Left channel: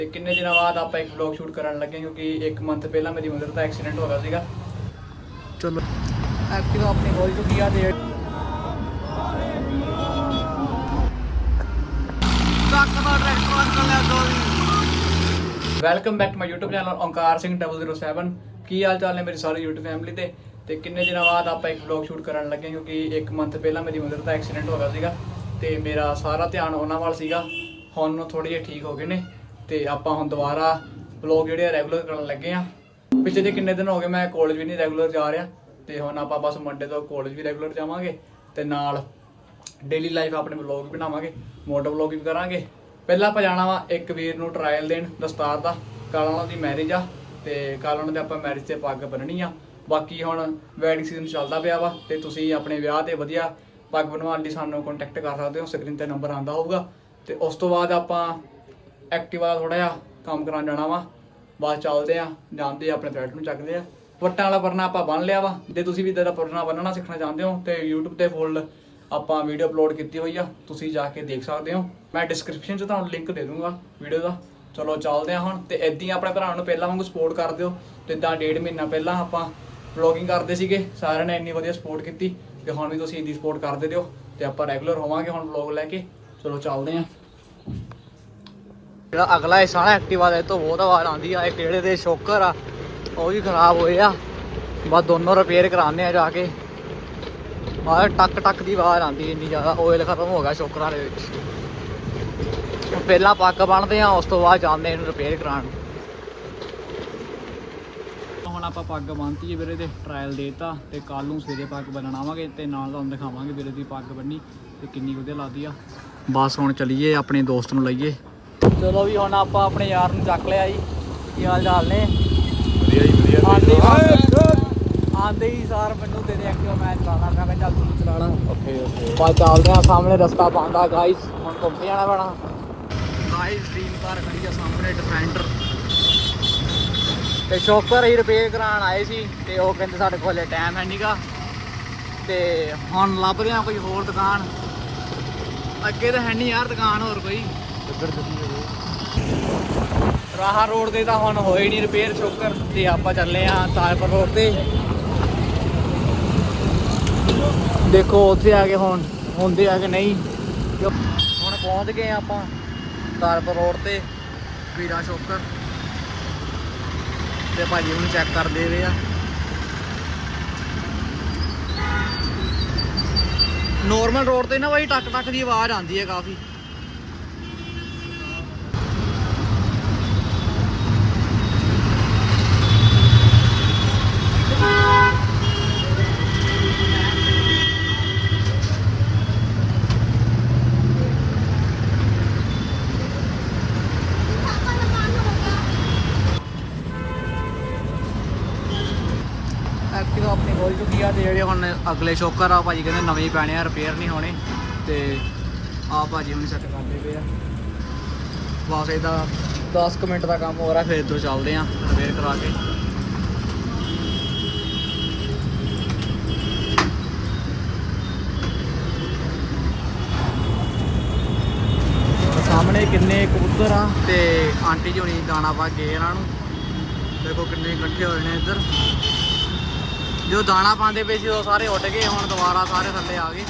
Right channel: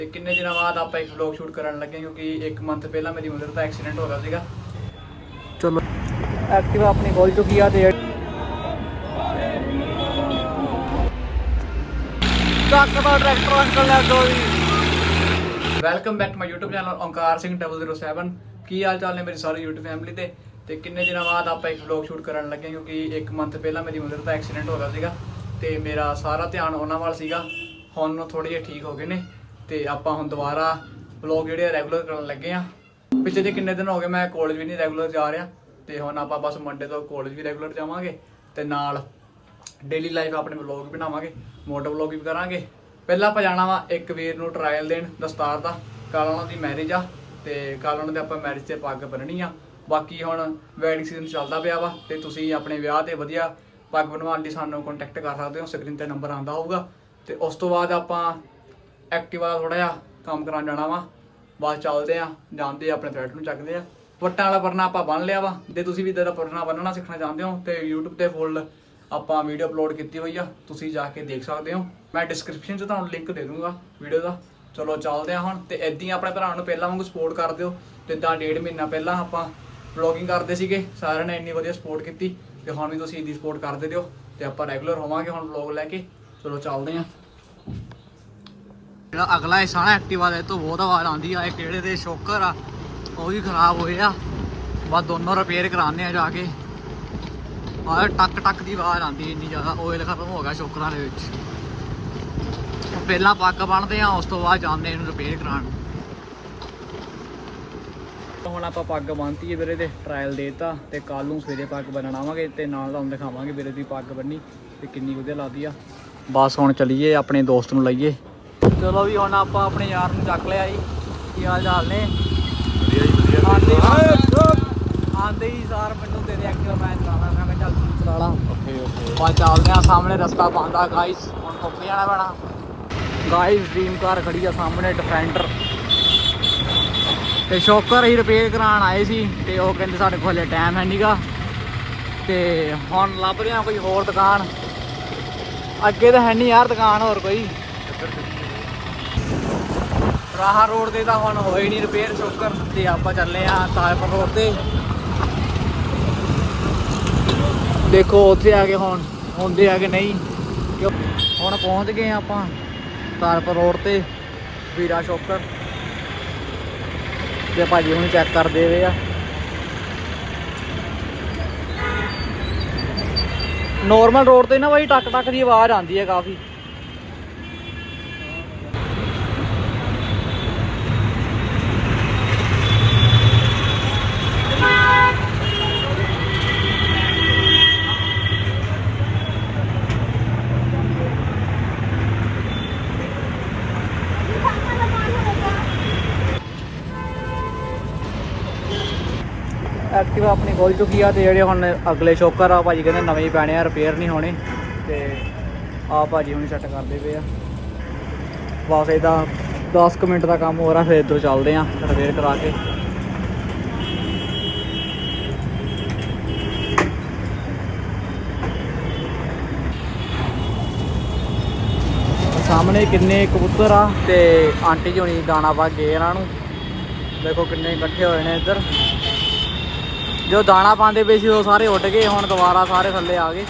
ਤੇ ਕਿੰਨੇ ਦਿਨਾਂ ਬਾਅਦ ਆਪਾਂ ਇੱਕ ਵਲੌਗ ਸ਼ੂਟ ਕਰਨ ਲੱਗੇ ਕਿਉਂਕਿ 1 ਮੰਥ ਪਹਿਲਾਂ ਮੇਰੀ ਮਦਰ ਦਾ ਐਕਸੀਡੈਂਟ ਹੋ ਗਿਆ ਸੀਗਾ। ਚਲੋ। ਐਕਟਿਵਾ ਆਪਣੀ ਖੋਲ ਚੁੱਕੀ ਆ ਤੇ ਟਰੱਕ ਦਾ ਟਰੈਕਟਰ ਅੰਕਲ ਲੈ ਦੋ welcome back to my YouTube channel Onkar Singh 007 ਕੀ ਹਾਲ ਚਾਲ ਨੇ ਮੇਰੀ ਸਾਰੀ YouTube ਫੈਮਿਲੀ ਤੇ? ਤੇ ਕਿੰਨੇ ਦਿਨਾਂ ਬਾਅਦ ਆਪਾਂ ਇੱਕ ਵਲੌਗ ਸ਼ੂਟ ਕਰਨ ਲੱਗੇ ਕਿਉਂਕਿ 1 ਮੰਥ ਪਹਿਲਾਂ ਮੇਰੀ ਮਦਰ ਦਾ ਐਕਸੀਡੈਂਟ ਹੋ ਗਿਆ ਸੀਗਾ ਤੇ ਮੇਰਾ ਸਾਰਾ ਧਿਆਨ ਉਹਨਾਂ ਵੱਲ ਸੀਗਾ। ਹੁਣ ਨੂੰ ਥੋੜੇ ਜਿਹਾ ਠੀਕ ਹੋ ਗਏ ਨੇ। ਤੇ ਆਪਾਂ ਹੁਣ ਦੁਬਾਰਾ ਵਲੌਗ ਜਿਹੜੇ ਆ ਰੈਗੂਲਰ ਕਰਨ ਲੱਗੇ ਆ। ਪਿਛਲੇ ਦੇ ਕਿੰਨੇ ਦਿਨ ਹੋ ਗਏ ਮੈਂ ਕਾਲਜ ਵੀ ਨਹੀਂ ਰੈਗੂਲਰ ਜਾ ਰਿਹਾ ਤੇ ਹੁਣ ਆਪਾਂ ਬਸ ਮੰਡੇ ਤੋਂ ਕਾਲਜ ਵੀ ਰੈਗੂਲਰ ਜਾਵਾਂਗੇ ਤੇ ਨਾਲ ਡੇਲੀ ਲਾਈਫ ਆਪਣੇ ਵਲੌਗ ਬਣਾਵਾਂਗੇ ਮੋਟਰ ਵਲੌਗ ਵੀ ਕਰਾਂਗੇ। ਪਹਿਲਾਂ ਆਪਾਂ ਜਾਣਾ ਵਾ ਇੱਕ ਵੀਰ ਨੂੰ ਟਰਾਇਲ ਦੇਣ ਦਸਤਾਰ ਦਾ ਕੱਲ ਉਹਨਾਂ ਦੀ ਮੈਰਿਜ ਆ ਤੇ ਕੱਲ ਉਹਨਾਂ ਦੇ ਆਪਾਂ ਮੈਰਿਜ ਤੇ ਪੱਗ ਬੰਨਣੀ ਆ। ਬਾਕੀ ਹੁਣ ਵੈਡਿੰਗ ਸੀਜ਼ਨ ਚੱਲਦਾ ਪਿਆ ਵਾ ਤੇ ਤੁਸੀਂ ਆਪਣੇ ਵਿਆਹ ਤੇ ਵਧੀਆ ਪੱਗ ਬਣਵਾਉਣ ਲਈ ਸਾਨੂੰ ਕੰਟੈਕਟ ਕਰ ਸਕਦੇ ਹੋ ਸਕਰੀਨ ਤੇ ਨੰਬਰ ਆਂਦਾ ਹੋਊਗਾ। ਤੇ ਉਸ ਤੋਂ ਬਾਅਦ ਆਪਾਂ ਐਕਟਿਵਾ ਥੋੜਾ ਜਿਹਾ ਕੰਮ ਕਰਾਉਣ ਜਾਣਾ ਵਾ। ਬਾਅਦ ਚੱਲਦੇ ਆ, ਜਾਂਦੇ ਆ, ਆਪਣੇ ਥ੍ਰੈਡ ਨੂੰ ਚੱਕਦੇ ਆ। ਵੱਟਾਂ ਵਾਲਾ ਪਰਨਾ ਆਪਾਂ ਬੰਨ ਲਿਆ ਵਾ। ਜੇ ਤੁਸੀਂ ਵੀ ਇਦਾਂ ਦਾ ਪਰਨਾ ਬੰਨਣਾ ਸਿੱਖਣਾ ਚਾਹੁੰਦੇ ਹੋ ਤੇ YouTube ਤੇ ਫੁੱਲ ਆਪਾਂ ਵੀਡੀਓ ਅਪਲੋਡ ਕੀਤੀ ਹੋਈ ਆ, ਤੁਸੀਂ ਜਾ ਕੇ ਦੇਖ ਸਕਦੇ ਹੋ। ਮੈਂ ਡਿਸਕ੍ਰਿਪਸ਼ਨ 'ਚ ਤੁਹਾਨੂੰ ਲਿੰਕ ਦੇ ਦੂੰਗਾ ਵੀਡੀਓ ਦਾ। ਚਲੋ ਚੱਲਦੇ ਆ ਹੁਣ ਤੇ ਏਦਾਂ ਹੀ ਆਪਣੇ ਭਰਾਵਾਂ ਨੂੰ ਪਹਿਲਾਂ ਵਾਂਗੂ ਸਪੋਰਟ ਕਰ ਦਿਓ। ਜਿੱਦਾਂ ਡੇਢ ਮਹੀਨਾ ਪਹਿਲਾਂ ਆਪਾਂ ਵਲੌਗਿੰਗ ਕਰਦੇ ਸੀਗੇ, ਸਾਰਿਆਂ ਨੇ ਇੰਨੀ ਵਧੀਆ ਸਪੋਰਟ ਕੀਤੀ। ਤੇ ਹੁਣ ਵੀ ਤੁਸੀਂ ਇੰਨੀ ਸਪੋਰਟ ਕਰਦੇ ਦਿਓ ਤੇ ਆਪਾਂ ਰੈਗੂਲਰ ਹੋਵਾਂਗੇ ਹੁਣ ਵਲੌਗ ਲੈ ਕੇ। ਚਲੋ ਚੱਲਦੇ ਆ। ਜਿਹੜਾ ਅਗਲਾ ਹਿੱਸਾ ਨਾ ਐਕਟਿਵਾ ਦਾ ਇਹ ਤੋਂ ਬਹੁਤ ਆਵਾਜ਼ ਆਉਂਦੀ ਆ, ਇਹ ਕਿਹੜੇ ਦੇ ਸ਼ੋਕਰ ਆ, ਉਹ ਵੀ ਖਰਾਬ ਹੋਏ ਆ। ਬਸ ਦੋਨੋਂ ਰਿਪੇਅਰ ਕਰਾਉਂਦੇ ਆ ਜਾ ਕੇ। ਆਹ ਟੱਕ ਟੱਕ ਦੀ ਆਵਾਜ਼ ਆਉਂਦੀ ਇੰਨੀ ਜ਼ਿਆਦਾ ਆਇਲ ਖਤਮ ਹੋ ਗਿਆ ਸ਼ੋਕਰਾਂ ਦੇ ਵਿੱਚ। ਪਹਿਲਾਂ ਪੱਗ ਬੰਨਦੇ ਆ, ਉਸ ਤੋਂ ਬਾਅਦ ਜਾਂਦੇ ਇਹਨੂੰ ਰਿਪੇਅਰ ਕਰਾਉਣ। ਹੁਣ ਆਪਾਂ ਪੱਗ ਬੰਨਤੀ ਹੈ ਵੀਰੇ ਦੇ ਟ੍ਰਾਇਲ ਦੇਤਾ ਤੇ ਕੱਲ ਨੂੰ ਸਵੇਰੇ ਪੱਗ ਬੰਨਣ ਆਵਾਂਗੇ ਤੇ ਨਾਲ ਤੁਹਾਨੂੰ ਦਿਖਾਵਾਂਗੇ ਵੀਰੇ ਦੀ ਪੱਗ ਬੰਨੀ ਤੇ ਕਿੰਨੀ ਵਧੀਆ ਲੱਗਦੀ ਆ। ਬਸ ਹੁਣ ਚਲੀਏ, ਆਪਣੇ ਦੋਸਤ ਨੂੰ ਲਈਏ। ਚਲੋ ਵੀ ਹੁਣ ਆਪਾਂ ਆਪਣੇ ਯਾਰ ਨੂੰ ਚੱਕ ਲਿਆ ਜੀ। ਕੀ ਹਾਲ ਚਾਲ ਨੇ? ਵਧੀਆ ਜੀ ਵਧੀਆ। ਆਂਦੇ ਆਂਦੇ ਹੀ ਸਾਰ ਮੈਨੂੰ ਤੇਰੇ ਐਕਟਿਵ ਮੈਂ ਚਲਾਉਣਾ। ਮੈਂ ਕਿਹਾ ਚੱਲ ਤੂੰ ਚਲਾ ਲਾ। Okay okay. ਬਾ ਚੱਲਦੇ ਆ ਸਾਹਮਣੇ ਰਸਤਾ ਪਾਉਂਦਾ। ਗਾਇਸ ਹੁਣ ਘੁੰਮ ਕੇ ਜਾਣਾ ਪੈਣਾ। ਗਾਇਸ ਡ੍ਰੀਮ ਕਾਰ ਖੜੀ ਆ ਸਾਹਮਣੇ ਡਿਫੈਂਡਰ ਤੇ ਸ਼ੌਕਰ ਹੀ ਰਿਪੇਅਰ ਕਰਾਉਣ ਆਏ ਸੀ ਤੇ ਉਹ ਕਹਿੰਦੇ ਸਾਡੇ ਕੋਲ ਟਾਈਮ ਹੈ ਨਹੀਂਗਾ ਤੇ ਹੁਣ ਲੱਭਦੇ ਆ ਕੋਈ ਹੋਰ ਦੁਕਾਨ। ਅੱਗੇ ਤਾਂ ਹੈ ਨਹੀਂ ਯਾਰ ਦੁਕਾਨ ਹੋਰ ਕੋਈ। ਰਾਹਾ ਰੋਡ ਤੇ ਤਾਂ ਹੁਣ ਹੋਏ ਨਹੀਂ ਰਿਪੇਅਰ ਸ਼ੋਕਰ ਤੇ ਆਪਾਂ ਚੱਲੇ ਆ ਤਾਜਪੁਰ ਰੋਡ ਤੇ। ਦੇਖੋ ਉੱਥੇ ਆ ਕੇ ਹੁਣ, ਹੁੰਦੇ ਆ ਕਿ ਨਹੀਂ? ਹੁਣ ਪਹੁੰਚ ਗਏ ਆਪਾਂ ਤਾਜਪੁਰ ਰੋਡ ਤੇ, ਵੀਰਾ ਸ਼ੋਕਰ। ਤੇ ਭਾਜੀ ਹੁਣ ਚੈੱਕ ਕਰਦੇ ਵੇ ਆ। ਨੋਰਮਲ ਰੋਡ ਤੇ ਨਾ ਭਾਈ ਟੱਕ ਟੱਕ ਦੀ ਆਵਾਜ਼ ਆਉਂਦੀ ਹੈ ਕਾਫੀ ਐਕਟਿਵਾ ਆਪਣੀ ਖੋਲ ਚੁੱਕੀ ਆ ਤੇ ਜਿਹੜੇ ਹੁਣ ਅਗਲੇ ਸ਼ੋਕਰ ਆ, ਭਾਜੀ ਕਹਿੰਦੇ ਨਵੇਂ ਹੀ ਪੈਣੇ ਆ ਰਿਪੇਅਰ ਨਹੀਂ ਹੋਣੇ। ਤੇ ਆ ਭਾਜੀ ਹੁਣ ਸੈੱਟ ਕਰਦੇ ਪਏ ਆ। ਬਸ ਇਹਦਾ 10 ਕੁ ਮਿੰਟ ਦਾ ਕੰਮ ਹੋ ਰਿਹਾ, ਫਿਰ ਇੱਧਰ ਚੱਲਦੇ ਆ ਰਿਪੇਅਰ ਕਰਾ ਕੇ। ਸਾਹਮਣੇ ਕਿੰਨੇ ਕਬੂਤਰ ਆ ਤੇ ਆਂਟੀ ਜੀ ਹੁਣੀ ਦਾਣਾ ਪਾ ਗਏ ਇਹਨਾਂ ਨੂੰ। ਦੇਖੋ ਕਿੰਨੇ ਇਕੱਠੇ ਹੋਏ ਨੇ ਇੱਧਰ। ਜੋ ਦਾਣਾ ਪਾਉਂਦੇ ਪਏ ਸੀ ਉਹ ਸਾਰੇ ਉੱਡ ਗਏ ਹੁਣ ਦੁਬਾਰਾ ਸਾਰੇ ਥੱਲੇ ਆ ਗਏ।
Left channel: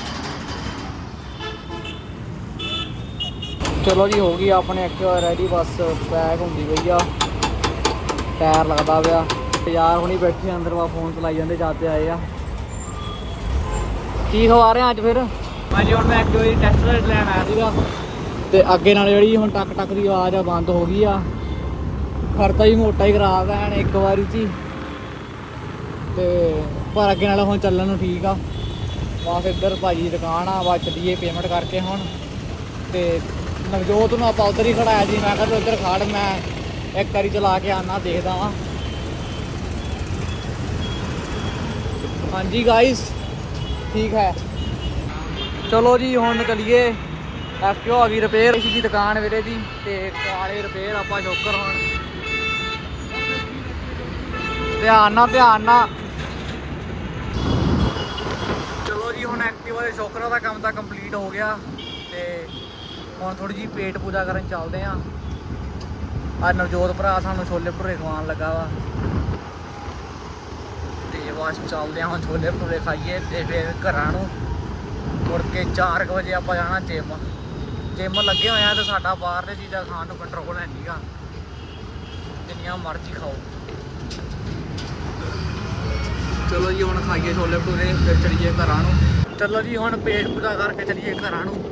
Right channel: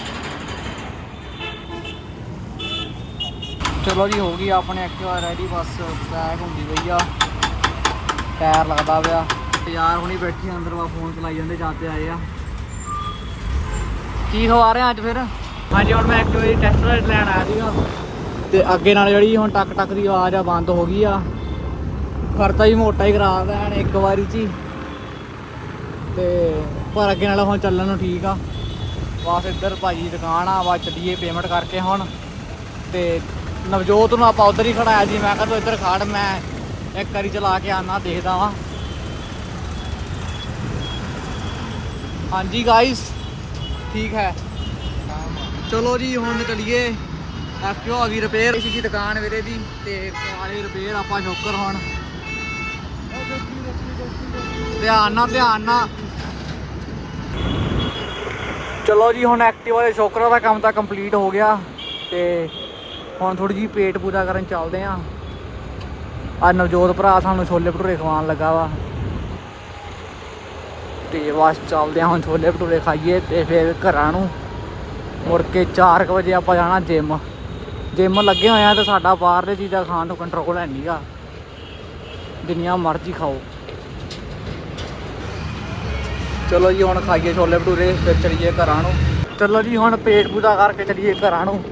ਚਲੋ ਜੀ ਹੋ ਗਈ ਆਪਣੇ ਐਕਟਿਵਾ ਰੈਡੀ ਬਸ ਪੈਕ ਹੁੰਦੀ ਗਈ ਆ। ਟਾਇਰ ਲੱਗਦਾ ਪਿਆ। ਯਾਰ ਹੁਣੀ ਬੈਠੇ ਅੰਦਰ ਵਾ ਫੋਨ ਚਲਾਈ ਜਾਂਦੇ ਜਾਂਦੇ ਆਏ ਆ। ਕੀ ਖਵਾ ਰਹੇ ਆ ਅੱਜ ਫਿਰ? ਹਾਂਜੀ ਹੁਣ ਮੈਂ ਦੀ ਟੈਸਟ ਰਾਈਡ ਲੈਣ ਆਇਆ ਸੀਗਾ। ਤੇ ਅੱਗੇ ਨਾਲ ਜਿਹੜੀ ਹੁਣ ਟੱਕ ਟੱਕ ਦੀ ਆਵਾਜ਼ ਆ ਬੰਦ ਹੋ ਗਈ ਆ। ਖਰਚਾ ਹੀ ਮੋਟਾ ਹੀ ਕਰਾ ਦੇਣ ਇੱਕ ਵਾਰੀ ਚ ਹੀ। ਤੇ ਪਰ ਅੱਗੇ ਨਾਲ ਹੁਣ ਚੱਲਣ ਨੂੰ ਠੀਕ ਆ। ਬਸ ਇੱਧਰ ਭਾਜੀ ਦੀ ਦੁਕਾਨ ਆ ਵਾ ਚੱਲੀਏ ਪੇਮੈਂਟ ਕਰਕੇ ਹੁਣ। ਤੇ ਨਵਜੋਤ ਨੂੰ ਆਪਾਂ ਉਧਰ ਹੀ ਖੜਾਇਆ ਜੀ, ਮੈਂ ਕਿਹਾ ਤੂੰ ਇੱਧਰ ਖੜ, ਮੈਂ ਇੱਕ ਵਾਰੀ ਚਲਾ ਕੇ ਆਣਾ ਦੇਖਦਾ ਵਾਂ। ਹਾਂਜੀ ਗਾਇਸ ਠੀਕ ਹੈ। ਚਲੋ ਜੀ, ਹੁਣ ਚਲੀਏ। ਐਕਟਿਵਾ ਆ ਗਈ ਰਿਪੇਅਰ ਇਸ ਦੀ ਦੁਕਾਨ ਵੀਰੇ ਦੀ, ਤੇ ਕਾਲੇ ਰਿਪੇਅਰ ਆਪਾਂ ਸ਼ੋਕਰ ਹੁਣ। ਧਿਆਨ ਨਾਲ ਧਿਆਨ ਨਾਲ। ਚਲੋ ਜੀ, ਹੁਣ ਐਕਟਿਵਾ ਦੇ ਸ਼ੋਕਰਾਂ ਦਾ ਕੰਮ ਤਾਂ ਕੰਪਲੀਟ ਹੋ ਗਿਆ ਤੇ ਹੁਣ ਥੋੜੀ ਜਿਹੀ ਪੇਟ ਪੂਜਾ ਕਰਨ ਚੱਲਦੇ ਆਂ ਆ ਨਵਜੋਤ ਭਰਾ ਸਾਨੂੰ ਛੋਲੇ ਭਟੂਰੇ ਖਵਾਉਣ ਲੱਗਾ ਵਾ। ਤੇ ਬਸ ਚੱਲਦੇ ਹਾਂ, ਹੁਣ ਛੋਲੇ ਭਟੂਰੇ ਖਾਈਏ ਤੇ ਫਿਰ ਘਰਾਂ ਨੂੰ। ਮੁੜ ਕੇ 4 ਵਜੇ ਆਪਾਂ ਜਾਣਾ ਜਿਮ ਜਿਮ ਲੱਗੇ ਹੋਏ ਆ ਤੇ ਸਾਡਾ ਬਾਹਰਲੇ ਚੀਜ਼ਾਂ ਖਾਣ ਨੂੰ ਕੰਟਰੋਲ ਹੈ ਨਹੀਂਗਾ ਜਿੰਨੀਆਂ ਮਰਜ਼ੀ ਖਾਓ। ਚਲੋ ਜੀ, ਹੁਣ ਖਾਈਏ ਛੋਲੇ ਭਟੂਰੇ ਫਿਰ ਚਲੀਏ ਘਰਾਂ ਨੂੰ। ਚਲੋ ਜੀ, ਹੁਣ ਪੇਟ ਪੂਜਾ ਕਰਕੇ ਚਲੀਏ ਘਰਾਂ ਨੂੰ।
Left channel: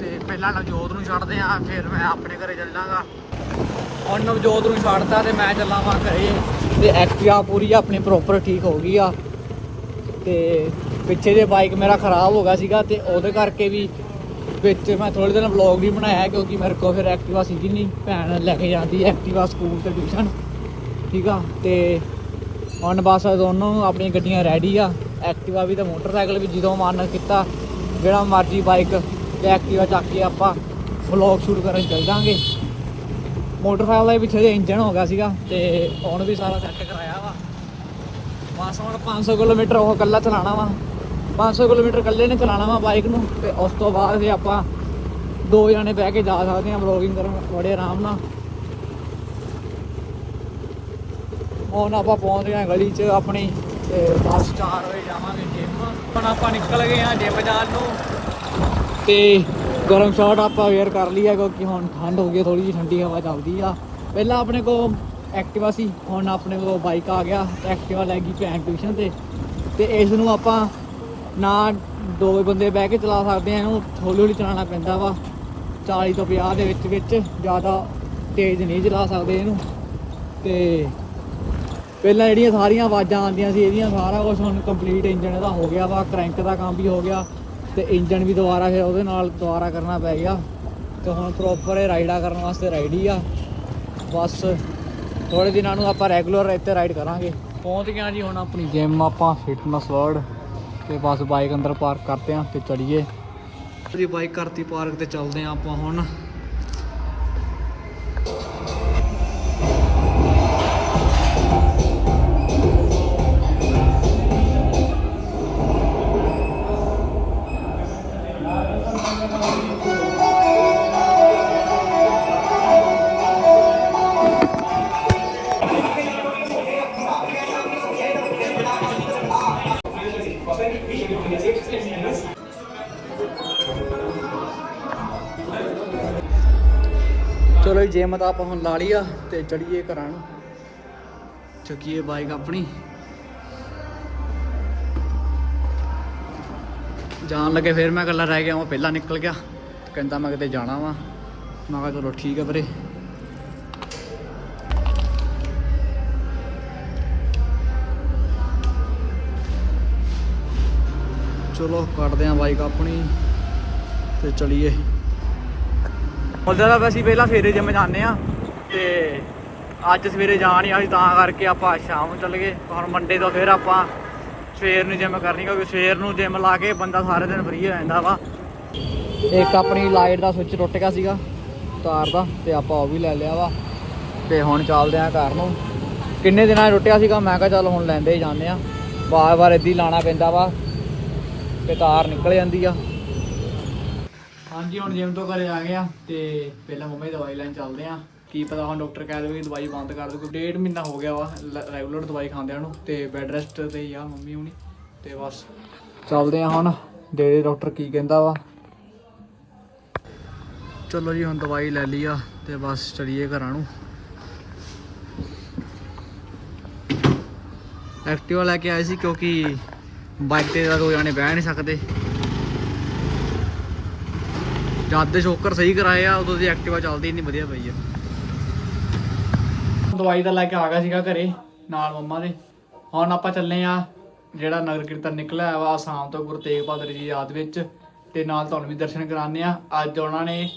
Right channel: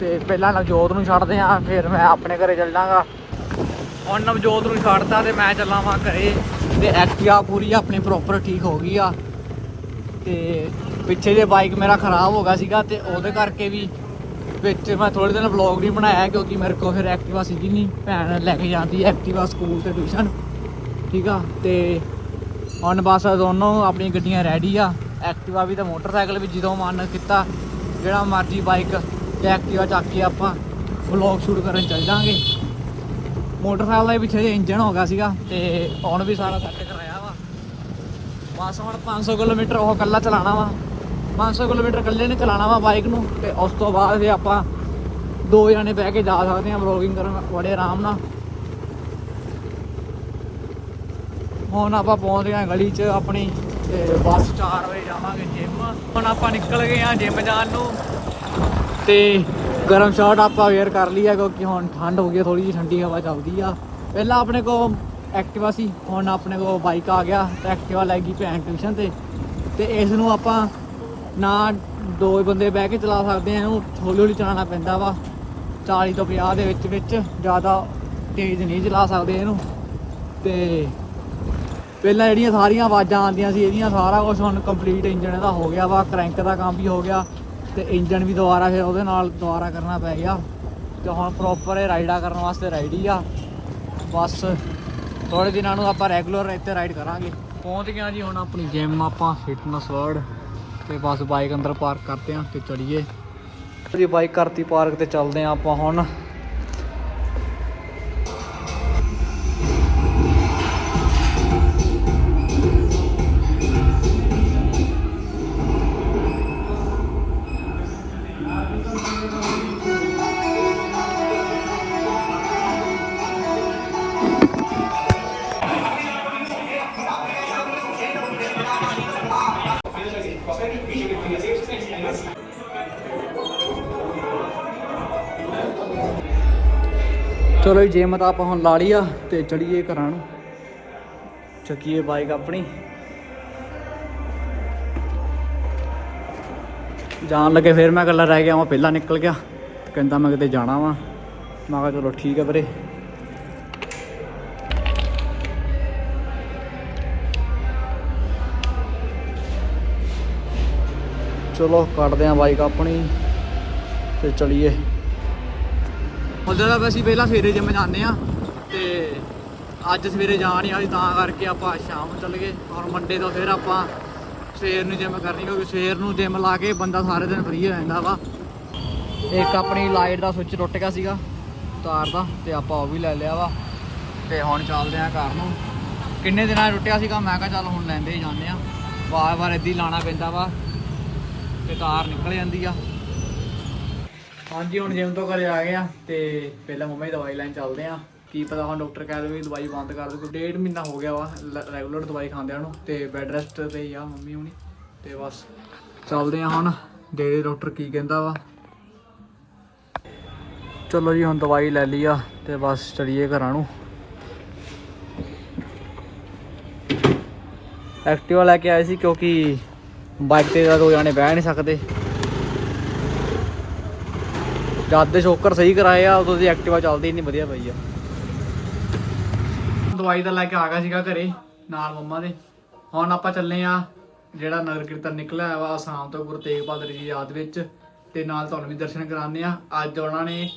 ਤੇ ਪਹਿਲਾਂ ਨਵਜੋਤ ਨੂੰ ਛੱਡਦੇ ਆ, ਫਿਰ ਮੈਂ ਆਪਣੇ ਘਰੇ ਚੱਲਾਂਗਾ। ਹੁਣ ਨਵਜੋਤ ਨੂੰ ਛੱਡਤਾ ਤੇ ਮੈਂ ਚੱਲਾਂ ਵਾਂ ਘਰੇ। ਤੇ ਐਕਟਿਵਾ ਪੂਰੀ ਆਪਣੀ ਪ੍ਰੋਪਰ ਠੀਕ ਹੋ ਗਈ ਆ। ਤੇ ਪਿੱਛੇ ਜੇ ਬਾਈਕ ਮੇਰਾ ਖਰਾਬ ਹੋ ਗਿਆ ਸੀਗਾ ਤੇ ਉਹਦੇ ਕਰਕੇ ਵੀ ਵਿੱਚ ਮੈਂ ਥੋੜੇ ਦਿਨ ਵਲੌਗ ਨਹੀਂ ਬਣਾਇਆ ਕਿਉਂਕਿ ਮੇਰੇ ਕੋਲ ਫਿਰ ਐਕਟਿਵਾ ਸੀਗੀ ਨਹੀਂ ਭੈਣ ਲੈ ਕੇ ਜਾਂਦੀ ਐਕਟਿਵਾ ਸਕੂਲ ਤੇ ਟਿਊਸ਼ਨ ਠੀਕ ਆ, ਤੇ ਹੁਣ ਬਸ ਦੋਨੋਂ ਆਪਣੀਆਂ ਗੱਡੀਆਂ ਰੈਡੀ ਆ। ਐਕਟਿਵਾ ਵੀ ਤੇ ਮੋਟਰਸਾਈਕਲ ਵੀ ਜਦੋਂ ਮਨ ਕੀਤਾ, ਜਿਹੜਾ ਮਰਜ਼ੀ ਬਾਈਕ ਜਾਂ ਐਕਟਿਵਾ ਚੱਕ ਕੇ ਆਪਾਂ ਵਲੌਗ ਸ਼ੂਟ ਕਰਨ ਚੱਲ ਜਾਾਂਗੇ ਮੋਟਰਸਾਈਕਲ ਦੇ ਪਿੱਛੇ ਜੇ ਇੰਜਨ ਹੋ ਗਿਆ ਸੀਗਾ ਤੇ ਹੁਣ ਵੀ ਸਾਰਾ ਸੈੱਟ ਕਰਾਇਆ ਵਾ। ਬਸ ਹੁਣ 500 ਕਿਲੋਮੀਟਰ ਉਹ ਇਕੱਲਾ ਚਲਾਣਾ ਵਾ। 500 ਕਿਲੋਮੀਟਰ ਇਕੱਲੇ ਨੇ ਚਲਾਣਾ ਵਾ ਬਾਈਕ ਨੂੰ ਤੇ ਉਸ ਤੋਂ ਬਾਅਦ ਜੇ ਆਪਾਂ ਦੋ ਜਣੇ ਬਹਿ ਕੇ ਜਾ ਸਕਦੇ ਹਾਂ ਵਲੌਗਿੰਗ ਕਰਨ, ਬੜੇ ਆਰਾਮ ਨਾਲ। ਹੁਣ ਆਪਾਂ ਪਹੁੰਚ ਗਏ ਹਾਂ ਗਲੀ 'ਚ ਆਪਣੀ, ਤੇ ਬਸ 4 ਵਜੇ ਜਾਵਾਂਗੇ ਜਿਮ ਹੁਣ ਆਪਾਂ ਨਿਕਲ ਗਏ ਹਾਂ ਜਿਮ ਜਾਣ ਨੂੰ। ਤੇ ਗਰਮ ਸ਼ਰਟ ਆਪਾਂ ਵੇਅਰ ਕਰ ਲਈ ਆ, ਕਿਉਂਕਿ ਹੁਣ ਠੰਡ ਹੋ ਗਈ ਥੋੜੀ ਜਿਹੀ ਠੰਡੀ ਹਵਾ ਚੱਲਦੀ ਆ। ਪਹਿਲਾਂ ਆਪਣੇ ਕੋਲ ਐਕਟਿਵਾ ਸੀ, ਹੁਣ ਆਪਣੇ ਕੋਲ ਬਾਈਕ ਆ ਗਿਆ, ਤੇ ਐਕਟਿਵਾ ਲੈ ਗਈ ਭੈਣ ਟਿਊਸ਼ਨ ਤੇ। ਤੇ ਇਸ ਨੂੰ ਆਪਾਂ ਨਾ ਦੋ ਬੰਦੇ ਬਹਿ ਕੇ ਚਲਾ ਸਕਦੇ ਆ, ਇਹਨੂੰ ਹੌਲੀ ਹੌਲੀ ਚਲਾਉਣਾ ਪੈਂਦਾ ਵਾ। 40 ਤੋਂ 50 ਦੇ ਵਿੱਚ ਵਿੱਚ ਜ਼ਿਆਦਾ ਤੇਜ਼ ਨਹੀਂ ਚਲਾ ਸਕਦੇ ਇਹਨੂੰ। ਤੇ ਪਹਿਲਾਂ ਜਿਹੜੀਆਂ ਸਾਰੀਆਂ ਆਵਾਜ਼ਾਂ ਆਉਂਦੀਆਂ ਸੀ, ਇਹਦੀਆਂ ਸਾਰਾ ਕੁਝ ਹੁਣ ਕੰਪਲੀਟ ਇੰਜਣ ਇਹਦਾ ਹੋ ਗਿਆ ਵਾ ਕ੍ਰੈਂਕ ਦਾ ਕੰਮ ਵੀ ਹੋ ਗਿਆ ਤੇ ਇੰਜਣ ਵੀ ਦੁਬਾਰਾ ਫਿਰ ਉਹਦੇ ਨਾਲ ਦੁਬਾਰਾ ਕਰਨਾ ਪੈ ਗਿਆ ਤੇ ਹੁਣ ਪ੍ਰੋਪਰ ਇਹ ਰਾਈਡਾ ਕਰਨ ਵਾਸਤੇ ਰਾਈਡੀ ਆ। ਬਸ ਥੋੜੇ ਦਿਨਾਂ ਨੂੰ ਆਪਾਂ ਰੈਗੂਲਰ ਇੱਥੇ ਰਾਈਡ ਕਰਾਂਗੇ। ਪਹੁੰਚ ਗਿਆ ਜੀ ਹੁਣ ਆਪਣੀ ਜਿਮ ਆਪਾਂ ਫਿਟਨੈਸ ਵਰਡ ਤੇ ਬਸ ਬਾਈਕ ਅੰਦਰ ਪਾਰਕ ਕਰਦੇ ਆਂ ਤੇ ਚੜੀਏ ਜੀ ਬਾਈਕ ਕਰਤੀ ਪਾਰਕ ਤੇ ਚੱਲਦੇ ਆਂ ਆਪਾਂ ਹੁਣ। ਚਲੋ ਜੀ, ਜਿਮ ਤਾਂ ਆਪਾਂ ਹੁਣ ਲਾ ਲਈ ਆ ਤੇ ਚੜੀਏ ਘਰਾਂ ਨੂੰ। ਚੱਕੀਏ ਬਾਈਕ ਆਪਣੀ। ਜਾਣ ਲੱਗੇ ਫਿਰ ਮੈਂ ਇਕੱਲਾ ਰਹਿ ਗਿਆ, ਮੈਂ ਪਹਿਲਾਂ ਨਿਕਲ ਗਿਆ। ਕਹਿੰਦਾ ਮੈਂ ਕਿਤੇ ਜਾਣਾ ਵਾ। ਮੈਂ ਕਿਹਾ ਚਲੋ ਠੀਕ ਹੈ ਵੀਰੇ। ਚਲੋ ਕੱਢਦੇ ਆਂ ਬਾਈਕ ਆਪਣੀ ਤੇ ਚਲੀਏ। ਉਹਦਾ ਤਾਂ ਅਸੀਂ ਪਹਿਲਾਂ ਸਵੇਰੇ ਜਿਮ ਜਾਂਦੇ ਆ ਤੇ ਅੱਜ ਸਵੇਰੇ ਜਾਣ ਹੀ ਆਈ ਤਾਂ ਕਰਕੇ ਆਪਾਂ ਸ਼ਾਮ ਨੂੰ ਚੱਲ ਗਏ। ਹੁਣ ਮੰਡੇ ਤੋਂ ਫਿਰ ਆਪਾਂ ਸਵੇਰ ਨੂੰ ਜਿਮ ਕਰਨੀ, ਕਿਉਂਕਿ ਸਵੇਰ ਨੂੰ ਜਿਮ ਲਾ ਕੇ ਬੰਦਾ ਸਾਰੇ ਦਿਨ ਫ੍ਰੀ ਹੋ ਜਾਂਦਾ ਵਾ। ਇੱਕ ਆਪਣੀ ਲਾਈਟ ਦਾ ਸੁੱਚ ਟੁੱਟ ਗਿਆ ਸੀਗਾ, ਤਾਰ ਦਾ, ਤੇ ਆਪਾਂ ਉਹ ਵੀ ਲੈ ਲਿਆ ਵਾ। ਤੇ ਹੁਣ ਚੱਲਦੇ ਆ ਘਰ ਨੂੰ। ਕਿੰਨੇ ਦਿਨਾਂ 'ਚ ਟੁੱਟਿਆ ਸੀਗਾ, ਮੈਂ ਕਿਹਾ ਚੱਲ ਹੁਣ ਲੈਂਦੇ ਹੀ ਜਾਂਦੇ ਆ ਵਾਰ-ਵਾਰ ਏਦੀ ਲਾਣਾ ਪੈਂਦਾ ਵਾ, ਤੇ ਤਾਰ ਨਿਕਲ ਜਾਂਦੀ ਆ। ਹਾਂਜੀ, ਹੁਣ ਜਿਮ ਤੋਂ ਘਰੇ ਆ ਗਿਆ ਆ ਤੇ ਪਹਿਲਾਂ ਮੰਮਾ ਦੀ ਦਵਾਈ ਲੈਣ ਚੱਲਦੇ ਆ। ਕੀ ਪਤਾ ਹੁਣ ਡਾਕਟਰ ਕਹਿ ਦੇਵੇ ਦਵਾਈ ਬੰਦ ਕਰ ਦਿਓ, ਡੇਢ ਮਹੀਨਾ ਹੋ ਗਿਆ ਵਾ ਰੈਗੂਲਰ ਦਵਾਈ ਖਾਂਦੇ ਨੂੰ ਤੇ ਬੈੱਡ ਰੈਸਟ ਤੇ ਹੀ ਆ ਮੰਮੀ ਹੁਣੀ ਤੇ ਬਸ। ਚੱਲਦੇ ਆ ਹੁਣ ਦੇ ਡਾਕਟਰ ਕੀ ਕਹਿੰਦਾ ਵਾ। ਚਲੋ ਜੀ, ਹੁਣ ਦਵਾਈ ਲੈ ਲਈ ਆ ਤੇ ਬਸ ਚਲੀਏ ਘਰਾਂ ਨੂੰ। ਐਕਟਿਵਾ ਲੈ ਕੇ ਆਏ ਸੀ ਕਿਉਂਕਿ ਬਾਈਕ ਤੇ ਤਾਂ ਦੋ ਜਾਣੇ ਬਹਿ ਨਹੀਂ ਸਕਦੇ। ਜਦ ਦੇ ਸ਼ੋਕਰ ਸਹੀ ਕਰਾਏ ਆ, ਉਦੋਂ ਦੀ ਐਕਟਿਵਾ ਚੱਲਦੀ ਇੰਨੀ ਵਧੀਆ ਪਈ ਆ। ਦਵਾਈ ਤਾਂ ਲੈ ਕੇ ਆ ਗਿਆ ਸੀਗਾ ਘਰੇ, ਨਾਲ ਮੰਮਾ ਦੇ। ਹੁਣ ਆਪਾਂ ਚੱਲੇ ਆ, ਜਿਹੜਾ ਨਗਰ ਕੀਰਤਨ ਨਿਕਲਿਆ ਵਾ ਆਸਾਮ ਤੋਂ ਗੁਰੂ ਤੇਗ ਬਹਾਦਰ ਜੀ ਯਾਦ ਵਿੱਚ, ਤੇ ਨਾਲ ਤੁਹਾਨੂੰ ਵੀ ਦਰਸ਼ਨ ਕਰਾਣੇ ਆ। ਅੱਜ ਉਹਨਾਂ ਨੇ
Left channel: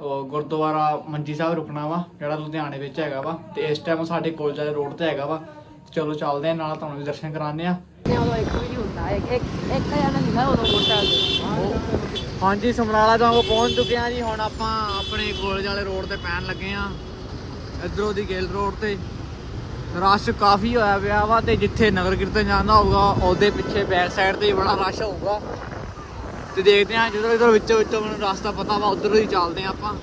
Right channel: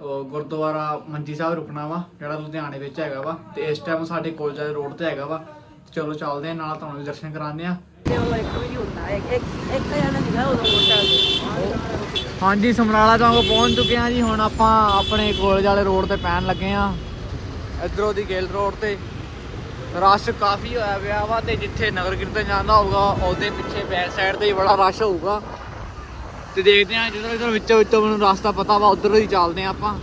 ਗੁਰਦੁਆਰਾ ਮੰਜੀ ਸਾਹਿਬ ਰੁਕਣਾ ਵਾ, ਜਿਹੜਾ ਲੁਧਿਆਣੇ ਵਿੱਚ ਹੈਗਾ ਵਾ, ਤੇ ਇਸ ਟਾਈਮ ਸਾਡੇ ਕੋਲ ਜਾਲੇ ਰੋਡ ਤੇ ਹੈਗਾ ਵਾ। ਚਲੋ ਚੱਲਦੇ ਆ, ਨਾਲ ਤੁਹਾਨੂੰ ਵੀ ਦਰਸ਼ਨ ਕਰਾਣੇ ਆ। ਹਾਂਜੀ ਸਮਰਾਲਾ ਤੋਂ ਪਹੁੰਚ ਚੁੱਕੇ ਆ ਜੀ। ਹੁਣ ਆਪਾਂ ਆਪਣੇ ਕੋਲਜ ਵਾਲੇ ਰੋਡ ਤੇ ਪੈਣ ਲੱਗੇ ਆ। ਇਧਰੋਂ ਦੀ ਗੇਲ ਰੋਡ ਤੇ। ਰਸ਼ ਕਾਫੀ ਹੋਇਆ ਪਿਆ ਵਾ ਤੇ ਜਿੱਥੇ ਨਗਰ ਕੀਰਤਨ ਜਾਂਦਾ ਹੋਊਗਾ ਉਹਦੇ ਪਿੱਛੇ ਬੈਕ ਸਾਈਡ ਤੇ ਬੜਾ ਰਸ਼ ਹੋਊਗਾ। ਤੇ ਦੇਖਦੇ ਆ ਜਦੋਂ ਇਧਰ ਵਿੱਚੋਂ ਵਿੱਚੋਂ ਮੈਨੂੰ ਰਸਤਾ ਪਤਾ ਵਾ ਉਧਰ ਹੀ ਚੱਲਦੇ ਆ ਆਪਾਂ।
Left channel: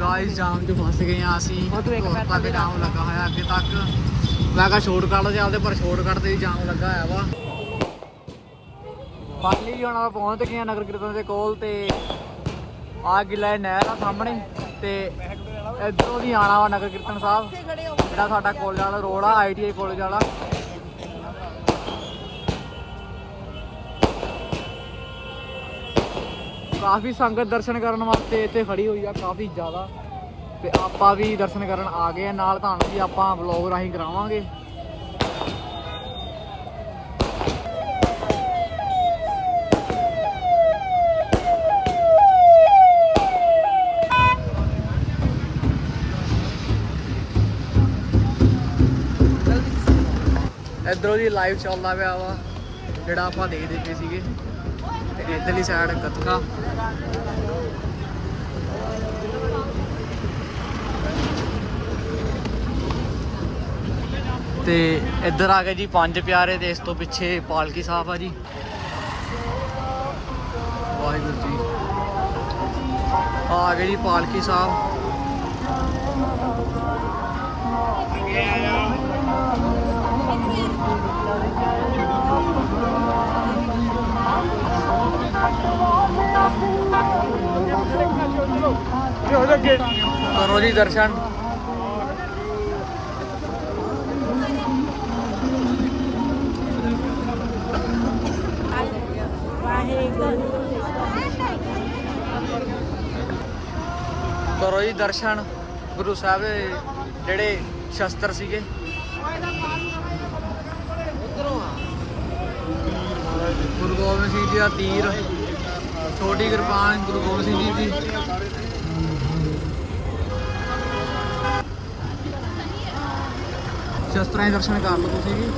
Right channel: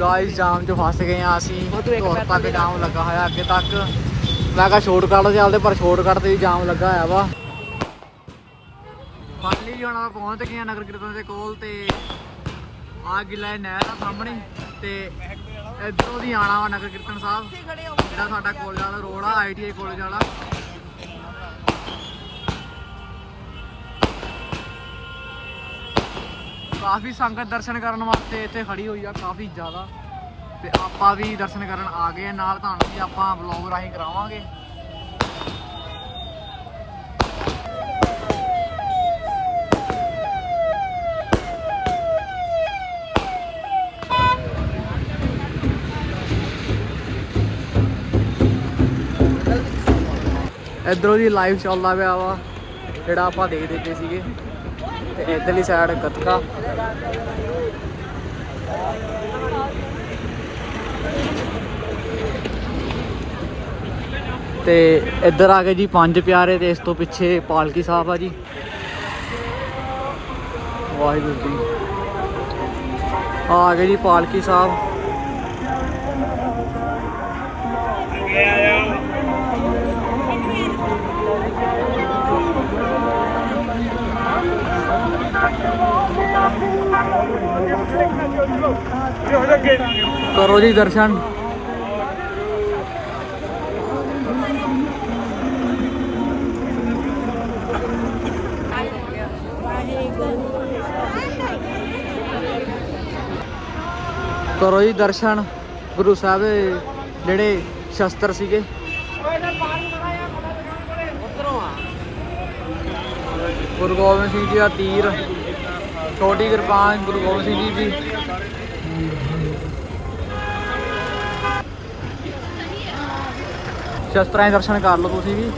ਗਾਇਸ ਜਾਮ 'ਚ ਫਸ ਗਏ ਆ ਅਸੀਂ। ਤੁਰ ਤੱਕ ਜਾਮ ਲੱਗਾ ਹੋਇਆ ਅੱਗੇ ਤੱਕ। ਮੈਂ ਕਿਹਾ ਸ਼ਾਰਟਕਟ ਚੱਲਦੇ, ਪਰ ਸ਼ਾਰਟਕਟ ਤੇ ਵੀ ਜਾਮ ਲੱਗਾ ਹੋਇਆ ਵਾ। ਫਾਈਨਲੀ ਹੁਣ ਆਪਾਂ ਪਹੁੰਚ ਗਏ ਨਗਰ ਕੀਰਤਨ ਦੇ ਕੋਲ ਤੇ ਆ ਗਿਲਾ ਨਹਿਰ ਆ ਸਾਹਮਣੇ ਤੇ ਇੱਧਰੋਂ ਦੀ ਆਣਾ ਵਾ ਨਗਰ ਕੀਰਤਨ ਸਾਹਿਬ। ਜਿਹੜਾ ਸਾਡਾ ਕੋਲਜ ਵਾਲਾ ਰੋਡ ਆ ਆਈਟੀਆਈ ਕੋਲਜ ਵਾਲਾ। ਕਾਫੀ ਸੰਗਤ ਦਰਸ਼ਨ ਕਰਨ ਵਾਸਤੇ ਇੱਥੇ ਖੜੀ ਹੋਈ ਆ, ਕਾਫੀ ਜ਼ਿਆਦਾ। ਤੇ ਆਪਾਂ ਵੀ ਦਰਸ਼ਨ ਕਰਨ ਆ ਗਏ ਆ। ਨਾਲ ਤੁਹਾਨੂੰ ਵੀ ਆਪਾਂ ਵਲੌਗ ਰਾਹੀਂ ਕਰਾਵਾਂਗੇ। ਇਧਰੋਂ ਦੀ ਲਾਈਵ ਚੱਲਦਾ ਪਿਆ ਵਾ, ਜਿਹੜਾ ਆਪਾਂ ਦੇਖਦੇ ਪਏ ਸੀਗੇ। ਤੇ ਇਧਰਲੀ ਸਾਈਡ ਗੱਤਕਾ। ਤੇ ਇੱਧਰ ਆ ਗਏ ਜੀ ਪੰਜ ਪਿਆਰੇ ਤੇ ਇਸ ਤੋਂ ਪਿੱਛੇ ਪਾਲਕੀ ਸਾਹਿਬ ਆ ਜੀ। ਵਾਹਿਗੁਰੂ ਜੀ। ਆ ਗਏ ਜੀ ਪਾਲਕੀ ਸਾਹਿਬ। ਕਰੋ ਜੀ ਦਰਸ਼ਨ। ਕਰੋ ਜੀ ਦਰਸ਼ਨ। ਗੁਰੂ ਸਾਹਿਬ ਦੇ ਜਿਹੜੇ ਸ਼ਸਤਰ ਸੀਗੇ। ਗੁਰੂ ਗੋਬਿੰਦ ਸਿੰਘ ਜੀ ਦਾ ਤੀਰ। ਛੋਟੀ ਕਿਰਪਾਨ ਗੁਰੂ ਗੋਬਿੰਦ ਸਿੰਘ ਜੀ ਦੀ। ਸ਼ਸਤਰਾਂ ਦੇ ਦਰਸ਼ਨ ਕਰ ਲਓ ਤੁਸੀਂ ਵੀ।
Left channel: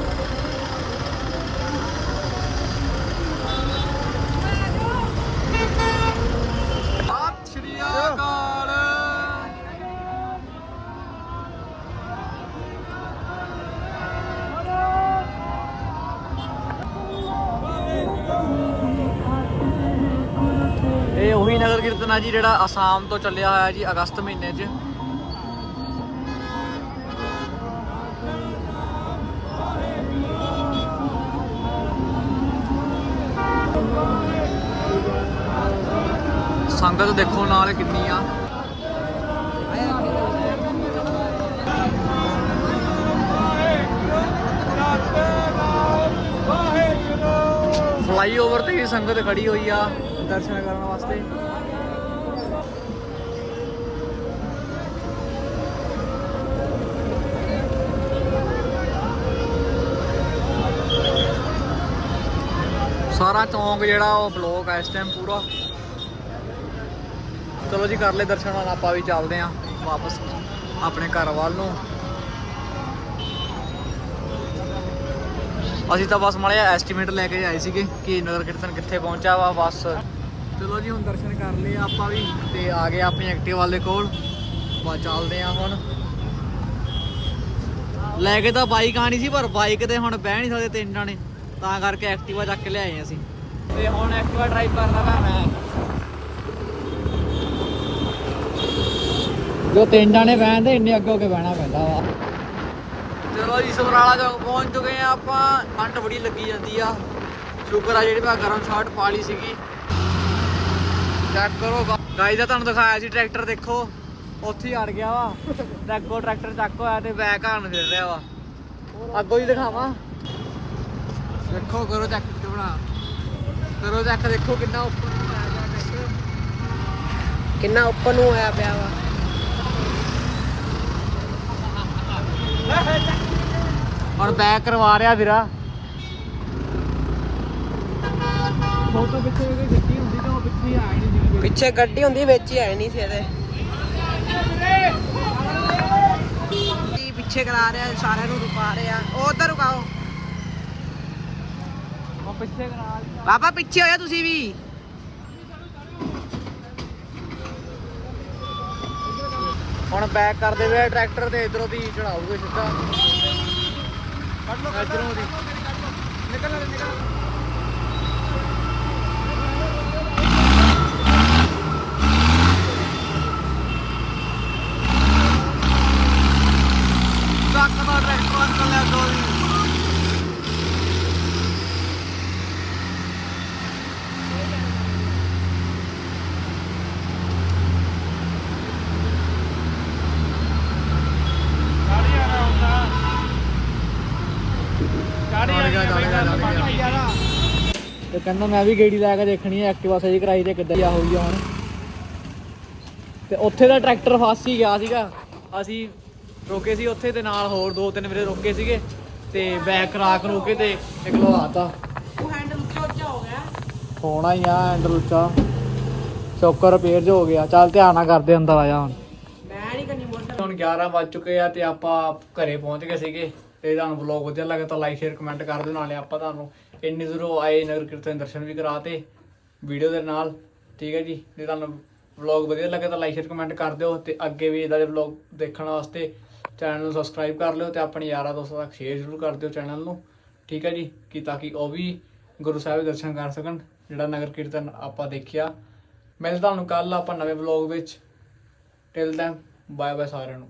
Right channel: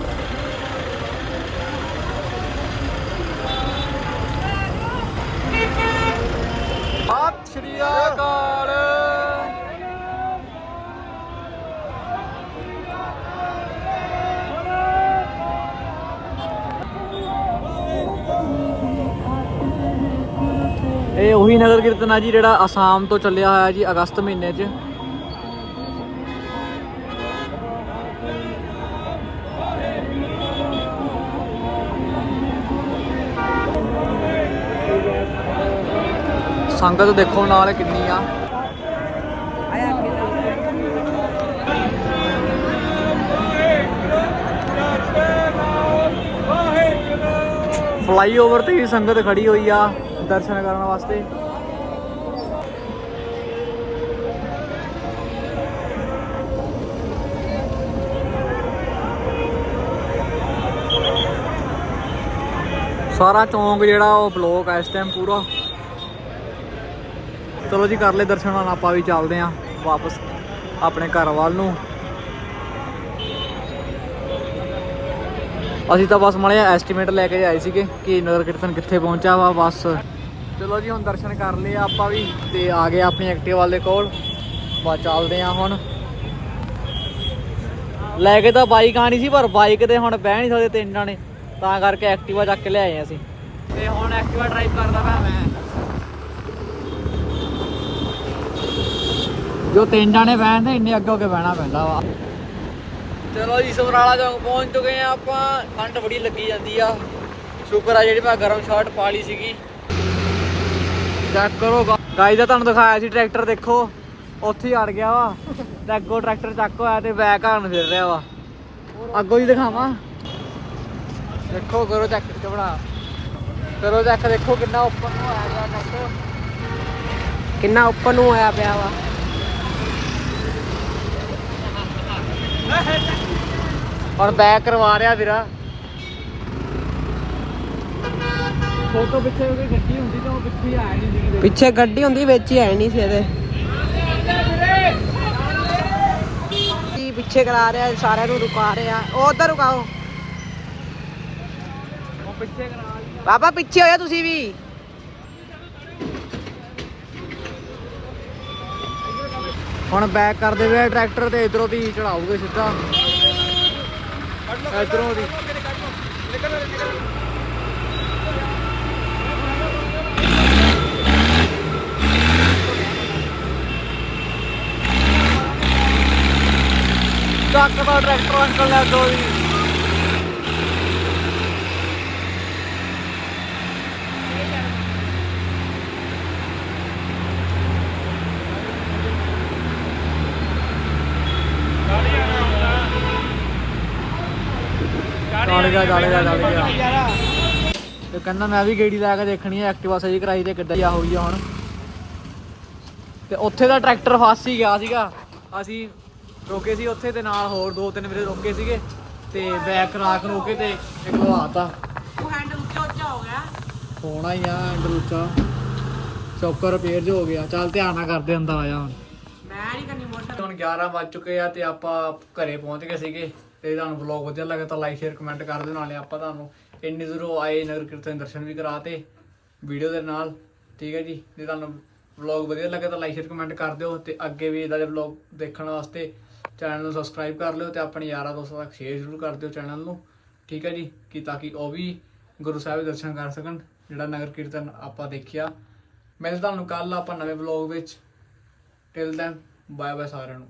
ਨਗਰ ਕੀਰਤਨ ਆ ਜੀ ਜਿਹੜਾ ਆਸਾਮ ਤੋਂ ਚੱਲਿਆ ਹੋਇਆ ਜੀ ਅਗਸਤ ਮਹੀਨੇ 'ਚ। ਸੰਗਤ ਦੇਖੋ ਨਾਲ ਕਿੰਨੀ ਆ। ਫਲਾਈਓਵਰ ਤੇ ਹੀ ਸੰਗਤ ਖੜੀ ਹੋਈ ਆ ਦਰਸ਼ਨ ਕਰਨ ਵਾਸਤੇ। ਸਾਰਾ ਚੌਂਕ ਜਿਹੜਾ ਉਹ ਬਲੌਕ ਆ ਇਸ ਟਾਈਮ ਪੂਰਾ। ਚਲੋ ਜੀ, ਕਰ ਲੈ ਦਰਸ਼ਨ, ਹੁਣ ਆਪਾਂ ਵੀ ਚੱਲਦੇ ਆਂ ਵਾਪਸ ਆਪਣੇ ਘਰ ਵੱਲ ਨੂੰ। ਅਸੀਂ ਤਾਂ ਬਸ ਮੜਿਆ ਐਸਟੀਮੇਟ ਲੈ ਕੇ ਆਏ ਸੀਗੇ ਕਿ ਨਗਰ ਕੀਰਤਨ ਕਿੱਥੇ ਪਹੁੰਚਾ ਵਾ, ਬਸ। ਚਲੋ ਜੀ, ਹੁਣ ਦਰਸ਼ਨ ਕਰ ਲਏ ਆਪਾਂ ਵੀ ਤੇ ਆ ਗਏ ਆਪਣੀ ਐਕਟਿਵਾ ਦੇ ਕੋਲ। ਬਸ ਚੱਲਦੇ ਆਂ ਹੁਣ। ਲੈ ਕੇ ਤਾਂ ਬਾਈਕ ਆਣੀ ਸੀ, ਪਰ ਬਾਈਕ ਤੇ ਹੁਣ ਬਹਿ ਨਹੀਂ ਸਕਦੇ ਤਿੰਨ ਜਾਣੇ। ਤਾਂ ਕਰਕੇ ਐਕਟਿਵਾ ਚੱਕ ਕੇ ਲਿਆਏ ਅਸੀਂ। ਤੇ ਹੁਣ ਐਕਟਿਵਾ ਡਰਾਈਵ ਕਰਦਾ ਪਿਆ ਮੈਂ। ਜੋ ਤਿੰਨ ਜਾਣੇ ਬਹਿੰਦੇ ਇੰਨੇ ਅੱਗੇ ਅੱਗੇ ਬਹਿਣਾ ਪੈਂਦਾ ਵਾ। ਚਲੋ ਜੀ ਸਮਰਾਲਾ ਚੌਂਕ ਪਹੁੰਚ ਚੁੱਕੇ ਆ ਆਪਾਂ। ਠੰਡ ਬੜੀ ਲੱਗੀ ਜਾਂਦੀ ਆ। ਸ਼ੁਕਰ ਆ ਜਿਹੜੀ ਮੈਂ ਗਰਮ ਸ਼ਰਟ ਪਾ ਲਈ ਸੀਗੀ। ਚੈੱਕ ਕਰੋ ਗਾਈ ਦਾ ਤੁਹਾਨੂੰ ਦਿਖਾਇਆ ਸੀ ਟਰੈਕਟਰ ਦੇਖੋ। ਉੱਥੇ ਹੀ ਅੜ ਗਿਆ ਵਾ। ਤੇ ਅੱਗੋਂ ਟਰੈਕਟਰ ਚੱਕ ਹੋਇਆ ਤੇ ਬੈਕ ਹਾਰਨ ਫਿਰ ਰਿਹਾ ਵਾ। ਅੱਗੋਂ ਹੀ ਦਿਖਾਵਾਂ। ਦੇਖੋ ਕਰੋ ਚੈੱਕ ਕਿੱਥੇ ਬਣਾ। ਕਰੋ ਚੈੱਕ ਦੇਖੋ ਕਿੰਨਾ ਉੱਪਰ ਨੂੰ ਆਇਆ ਗਿਆ ਟਰੈਕਟਰ ਕਿੰਨਾ ਉੱਪਰ ਨੂੰ ਆਇਆ ਪਿਆ ਵਾ। ਹੁਣ ਬੈਕ ਕਰਵਾ ਰਿਹਾ ਵੀਰਾ। ਫੋਟੋ ਪਿੱਛੇ ਕੋਈ ਗੱਡੀ ਹੁੰਦੀ ਤਾਂ ਉਹ ਪਿੱਛੇ ਆ ਨਹੀਂ ਸੀਗੀ। ਪਿੱਛੇ ਗੱਡੀ ਹੁੰਦੀ ਵਿੱਚ ਹੀ ਹੈ ਨਹੀਂ ਸੀ ਇਹਦੇ। ਪਿੱਛੇ ਕਰਾ ਰਿਹਾ ਸਾਰਿਆਂ ਨੂੰ ਰੁਕਾ ਰਿਹਾ। ਉਹ ਉਧਰ ਰੁਕਾਓ। ਬਾਬਾ, ਪਿੱਛੇ ਹੋਇਆ ਤੁਸੀਂ ਵੀ। ਹੁਣ ਬੈਕ ਕਰਦੇ ਵੇ ਟਰੈਕਟਰ ਤੇ ਇਧਰੋਂ ਦੀ ਚੜਾਉਗੇ ਸਿੱਧਾ। ਇਧਰੋਂ ਦੀ ਟਰੱਕ ਦਾ ਟਰੈਕਟਰ ਅੰਕਲ ਲੈ ਦੋ ਜੀ। ਗਿਆ ਗਿਆ ਗਿਆ। ਤੇ ਕਹਿੰਦਾ ਮੈਂ ਵੀ ਗੇੜੀ ਲੈ ਕੇ ਦੇਖਣੀ ਹੈ ਐਕਟਿਵਾ ਸਹੀ ਕਰਾਈ ਤੇ ਕਿੱਦਾਂ ਆ ਹੋਈ ਆ ਹੁਣ। ਤੇ ਉੱਥੇ ਦਾ ਟਰੈਕਟਰ ਫਸ ਹੀ ਗਿਆ ਸੀਗਾ। ਅਸੀਂ ਰੋਕੇ ਸੀ ਉੱਥੇ ਤੇ ਨਾਲ ਹੋਰ ਦੋ ਤਿੰਨ ਵੀਰੇ ਰੋਕੇ ਸੀਗੇ ਤੇ ਬੈਕ ਕਰਾ ਕੇ ਕੇ ਤੇ ਇੱਕ ਲਵਾਤਾ। ਉਹ ਹੈਂਡਲ ਉੱਚਾ ਉੱਚਾ ਹੋ ਗਿਆ ਹੋਣਾ ਹੀ ਆ ਐਂਡਰ ਉੱਚਾ ਚੌਕਰ ਰਿਪੇਅਰ ਜੋ ਹੋ ਗਿਆ। ਚੱਲ ਧਿਆਨ ਨਾਲ ਕਰਦੇ ਅੰਦਰ ਆ ਜਾ ਹੁਣ। ਮੈਂ ਨਹੀਂ ਕਰਨੀ ਮੋਟਰ। ਹੁਣ 11 ਵੱਜ ਚੁੱਕੇ ਆ ਤੇ ਆਪਾਂ ਘਰੇ ਪਹੁੰਚ ਗਏ ਸੀਗੇ। ਤੇ ਤੁਹਾਨੂੰ ਵਲੌਗ ਵਧੀਆ ਲੱਗਾ ਤਾਂ ਲਾਈਕ ਸ਼ੇਅਰ ਕਮੈਂਟ ਕਰ ਦਿਓ, ਨਾਲੇ ਆਪਾਂ ਤੁਹਾਨੂੰ ਇੰਨੀ ਦੂਰੋਂ ਆਏ ਨਗਰ ਕੀਰਤਨ ਦਰਸ਼ਨ ਵੀ ਕਰਾਤੇ ਵੀਡੀਓ ਦੇ ਨਾਲ, ਠੀਕ ਹੈ ਜੀ? ਜੇ ਤੁਹਾਨੂੰ ਵਲੌਗ ਵਧੀਆ ਲੱਗਾ ਤਾਂ ਲਾਈਕ ਸ਼ੇਅਰ ਕਮੈਂਟ ਕਰ ਦਿਓ ਤੇ ਅੱਗੇ ਵੀ ਇਦਾਂ ਦੇ ਵਲੌਗ ਦੇਖਣ ਵਾਸਤੇ ਚੈਨਲ ਨੂੰ ਸਬਸਕ੍ਰਾਈਬ ਕਰ ਲਿਓ ਤੇ ਆਪਣੇ ਯਾਰਾਂ ਦੋਸਤਾਂ ਤੱਕ ਸ਼ੇਅਰ ਜ਼ਰੂਰ ਕਰ ਦਿਓ ਚੈਨਲ ਨੂੰ, ਠੀਕ ਹੈ ਜੀ? ਕਿ ਤਾਂ ਕਿ ਉਹ ਵੀ ਗੁਰੂ ਸਾਹਿਬ ਦੇ ਦਰਸ਼ਨ ਕਰ ਸਕਣ, ਜਿਹੜਾ ਨਗਰ ਕੀਰਤਨ ਆਪਾਂ ਦੇਖਿਆ। ਮਿਲਦਾ ਤੁਹਾਨੂੰ ਕੱਲ ਆਪਾਂ ਨਵੇਂ ਵਲੌਗ ਵਿੱਚ। ਟਿਲ ਦੈਨ ਬਾਏ ਬਾਏ ਸਾਰਿਆਂ ਨੂੰ।